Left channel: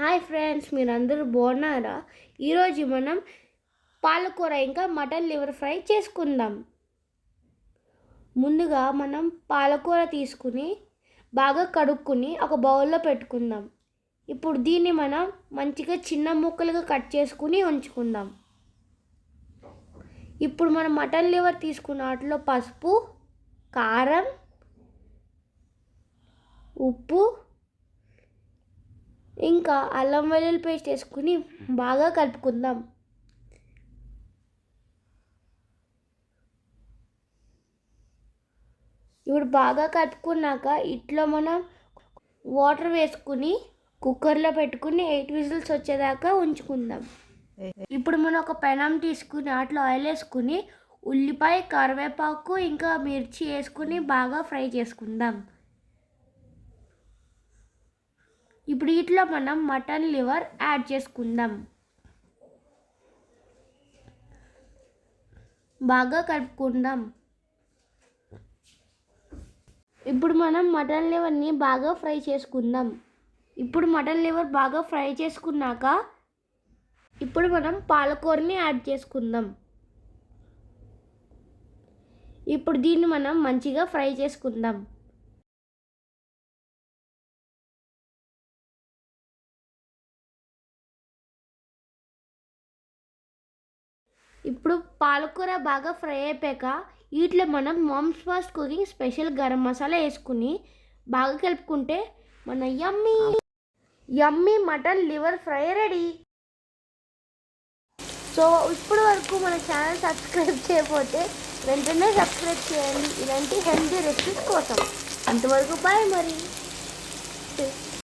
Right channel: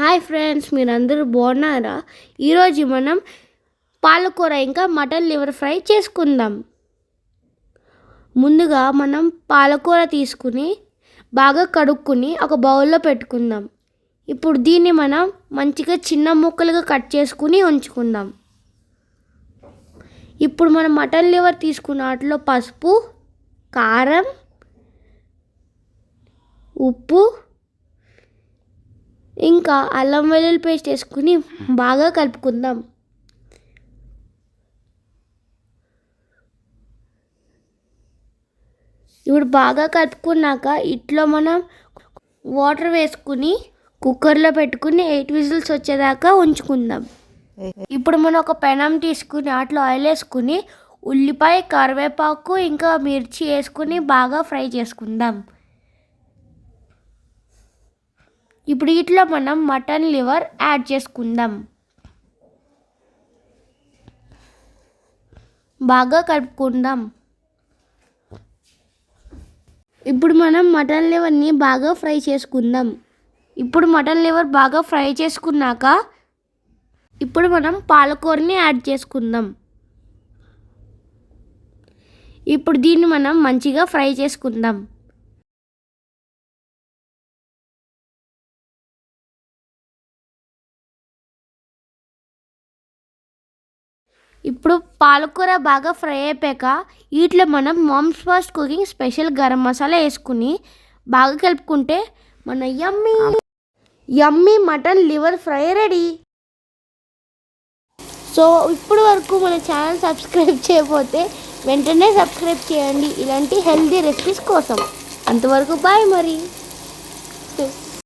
Hi friends, మీరందరూ బాగున్నారా? ఈరోజు మనం పాలకూర ఇంకా మటన్ లివర్ ఫ్రై చేసుకుందాం. ముందుగా మనం పాలకూర తీసుకుని బాగా కడుక్కుని ఒక బౌల్లో పెట్టుకుందాం. ఇప్పుడు దీన్ని మనం మంచిగా చిన్న ముక్కలుగా కట్ చేసుకుని ఉంచుకుందాం. ఇప్పుడు మనం మటన్ లివర్ తీసుకున్న వాటిలో పసుపు, కారం, ఉప్పు ఇంకా అల్లం వెల్లుల్లి పేస్ట్ వేసుకుని బాగా కలుపుకుందాం. ఇప్పుడు బాగా కలుపుకున్నాక ఇట్లో మనం వాటర్ వేసుకుని కుక్కర్లో పెట్టుకుని 8 విజిల్స్ వచ్చేదాకా ఉంచుకుందాం. ఇప్పుడు మనం ఒక పెనం తీసుకుని అట్లా ఆయిల్ వేసుకుని ఉల్లిపాయ, కరివేపాకు ఇంకా మిర్చి వేసుకుని బాగా ఫ్రై చేసుకుందాం. ఇప్పుడు ఇట్లా మనం మటన్ లివర్ యాడ్ చేసుకుందాం. బాగా కలుపుకుందాం. ఇప్పుడు మనం మటన్ లివర్ని బాగా ఫ్రై చేసుకుందాం. ఇప్పుడు మటన్ లివర్ బాగా ఫ్రై చేసుకున్నాక ఇప్పుడు మనం పాలకూరని యాడ్ చేసుకుందాం. ఇప్పుడు దీన్ని మనం మంచిగా ఫ్రై చేసుకుందాం. ఇప్పుడు పాలకూర బాగా ఫ్రై అయిపోయాక వీటిలో మనం moms first cooking special garam masala వేసుకుని బాగా కలుపుకుంటే మన yummy mutton liver fry ready. So ఇప్పుడు వరకు మన ఛానల్ సబ్స్క్రైబ్ చేయకపోతే వెంటనే సబ్స్క్రైబ్ చేయండి ఇలాంటి హెల్తీ రెసిపీస్ కోసం. అంతవరకు బాయ్ మరి.